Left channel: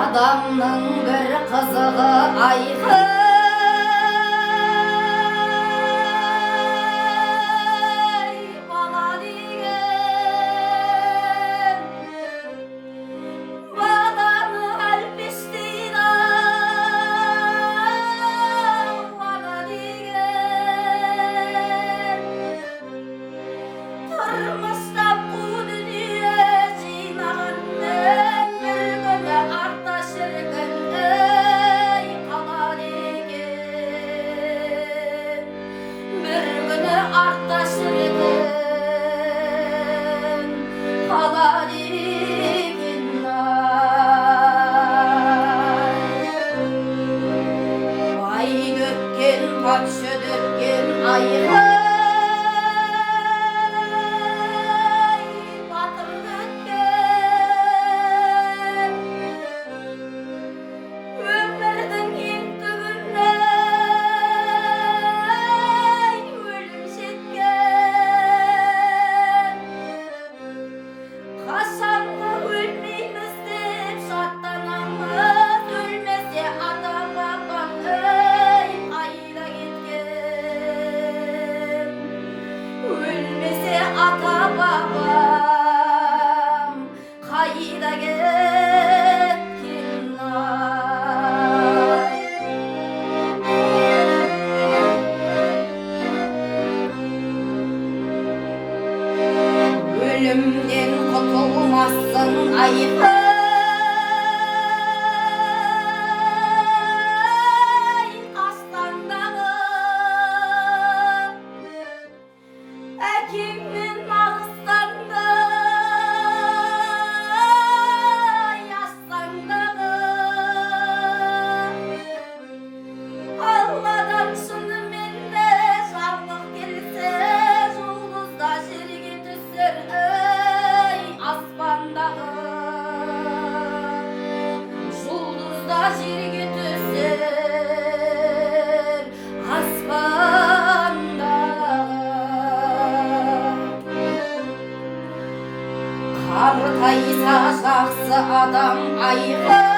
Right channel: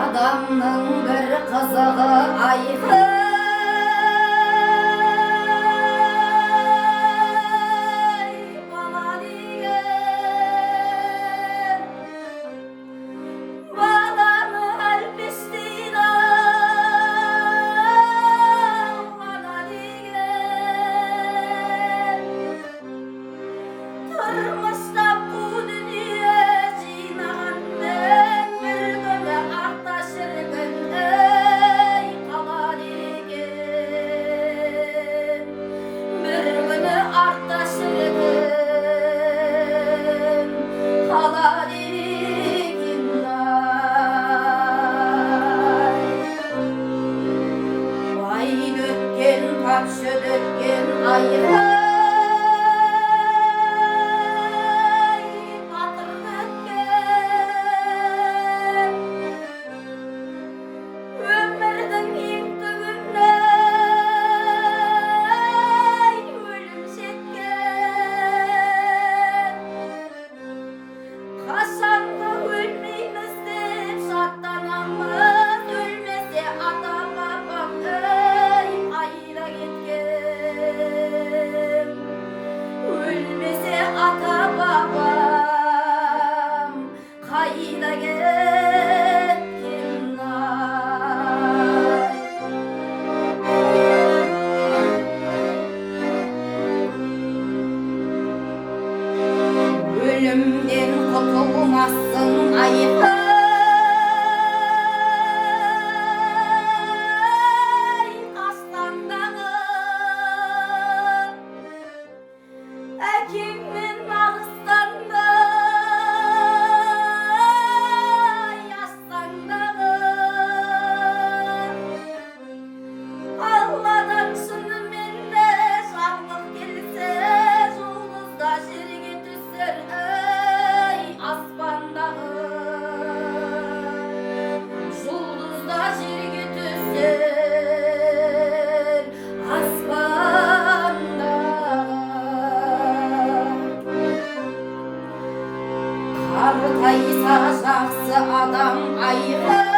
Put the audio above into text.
Adamның бір қызығы айқын, бала деген баланы әлпештейді, бала деген тұрмышта қу дүние жинағанмен бір күні артта шіркін, ей қала деген бір күні артта шіркін, қала деген ай. Бай көткен патша төккен айқын, қашанғы өлмейміз деп шаттанамыз, өлмесе ата бабам, ей қайда кеткен, өлмесе ата бабам қайда кеткен ай. Өлімден құтылмассың айқын, астаңдағы әкеңмен алыстаңды, астаңдағы алладан шынымен де жарлық келсе, жұлдызда жерге түсер, ей аспандағы жұлдызда жерге түсер, аспандағы қартайса жақсы адам айқын,